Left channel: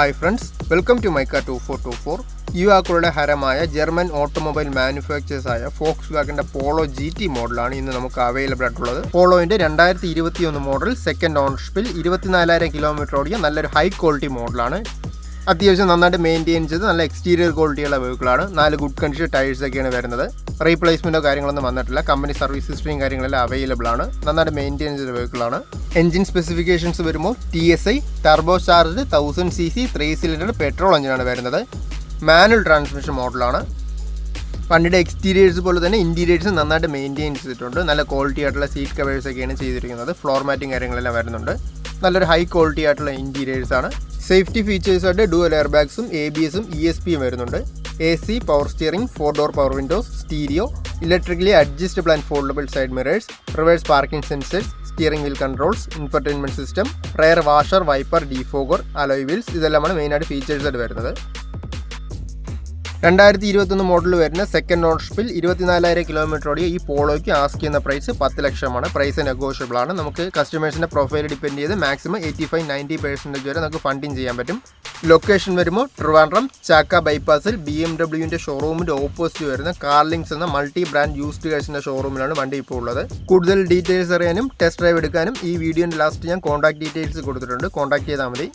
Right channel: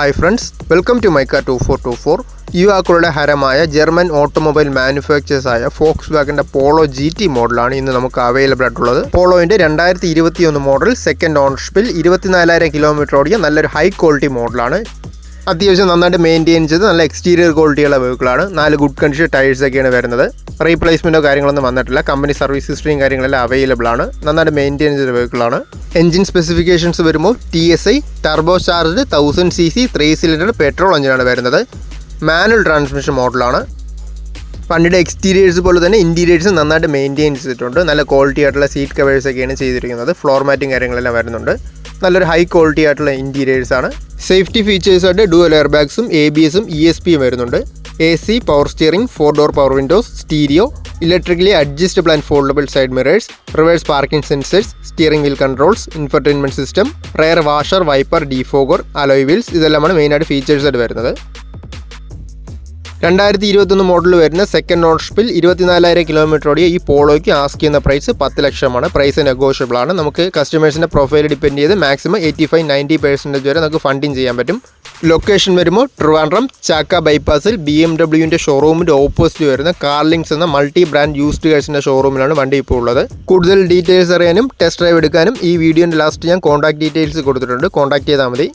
Hi friends, welcome to Mica 2424. യുവാക്കളുടെ ഹരമായ German automobile manufacturers ആയ ഫോക്സ്വാഗന്റെ polo GT മോഡലാണ് ഇന്ന് നമുക്ക് അവൈലബിൾ ആയിട്ടുള്ളത്. പോളോയുടെ 2021 മോഡൽ സെക്കൻഡ് ഓണർഷിപ്പിൽ 24,000 കിലോമീറ്റർ ഓടിയ നല്ലൊരു ഹൈ ക്വാളിറ്റി മോഡലാണ്. അത്യാവശ്യം നന്നായിട്ട് മെയിൻറ്റെയിൻ ചെയ്ത് നല്ല എക്സ്റ്റീരിയർ ക്വാളിറ്റിയുള്ള വെഹിക്കിളാണ്. 4 ഗുഡ് കണ്ടീഷൻ ടയേഴ്സ് ഒക്കെയാണ് വരുന്നത്. റീപ്ലേസ്മെൻറ്റോ കാര്യങ്ങളൊന്നും വന്നിട്ടില്ല. കമ്പനി സർവീസ് ഹിസ്റ്ററിയും കാര്യങ്ങളെല്ലാം അവൈലബിൾ ആണ്. നന്നായിട്ട് മെയിൻറ്റെയിൻ ചെയ്ത വെഹിക്കിളാണ്. എഞ്ചിൻ സ്പെസിഫിക്കേഷൻസ് വരുമ്പോൾ TSI turbo charged 1000cc 3 cylinder petrol എഞ്ചിനാണ് വരുന്നത്. മാനുവൽ ട്രാൻസ്മിഷൻ മോഡലാണ്. വണ്ടിയുടെ എക്സ്റ്റീരിയേഴ്സ് പോലെ തന്നെ ഇൻറ്റീരിയേഴ്സ് നന്നായിട്ട് മെയിൻറ്റെയിൻ ചെയ്തിട്ടുണ്ട്. നല്ല ക്വാളിറ്റി ആയിട്ടുള്ള സീറ്റ് കവേഴ്സ് ഒക്കെയാണ് ചെയ്തിരിക്കുന്നത്. ഫ്ലോർ മാറ്റിങ് കാര്യങ്ങളെല്ലാം വരുന്നുണ്ട്. നല്ലൊരു ഹൈ ക്വാളിറ്റി ആയിട്ടുള്ള ഇൻറ്റീരിയേഴ്സ് ആണ്. സേഫ്റ്റി ഫീച്ചേഴ്സായിട്ട് ഡുവൽ എയർ ബാഗ്സും ABSും ESPയും വരുന്നുണ്ട്. AC, power steering, 4 door power Windows, stereo, electrically adjustable and foldable side mirrors, reverse parking sensors, steering wheel controls, infotainment system, rare washer, wiper, defogger, alloy wheels ഇതെല്ലാമാണ് മെയിനായിട്ട് ഫീച്ചേഴ്സായിട്ട് വരുന്നത്. 2021 model വരുന്ന second ഓണർഷിപ്പിൽ 24,000 kilometre ഓടിയ ഈ പോളോയ്ക്ക് ask ചെയ്യുന്ന price 10 ലക്ഷമാണ്. Price negotiable ആണ്. നമുക്ക് കസ്റ്റമേഴ്സിൻ്റെ പ്രൊഫൈൽ ഡിപ്പെൻഡ് ചെയ്ത് മാക്സിമം 85-90% വരെ നമുക്ക് ഫണ്ടിങ് ചെയ്യാൻ പറ്റും. ലൊക്കേഷൻ വരുമ്പോൾ ട്രിവാൻഡ്രം ചാക്ക ബൈപ്പാസിൽ BMW ഷോറൂമിൻ്റെ ഓപ്പോസിറ്റ് വരുന്ന കാർലിങ്സ് എന്ന മൾട്ടി ബ്രാൻഡ് യൂസ്ഡ് കാഴ്സിൻ്റെ ഷോറൂമിലാണ് വണ്ടി ഇപ്പോൾ ഉള്ളത്. കൂടുതൽ ഡീറ്റെയിൽസ് അറിയാനും ടെസ്റ്റ് ഡ്രൈവ് എടുക്കാനും ഈ വീഡിയോൻ്റെ ലാസ്റ്റ് ഞാൻ കോൺടാക്ട് ഡീറ്റെയിൽസ് കൊടുത്തിട്ടുണ്ട്. കോൺടാക്ട് ചെയ്താൽ മതി.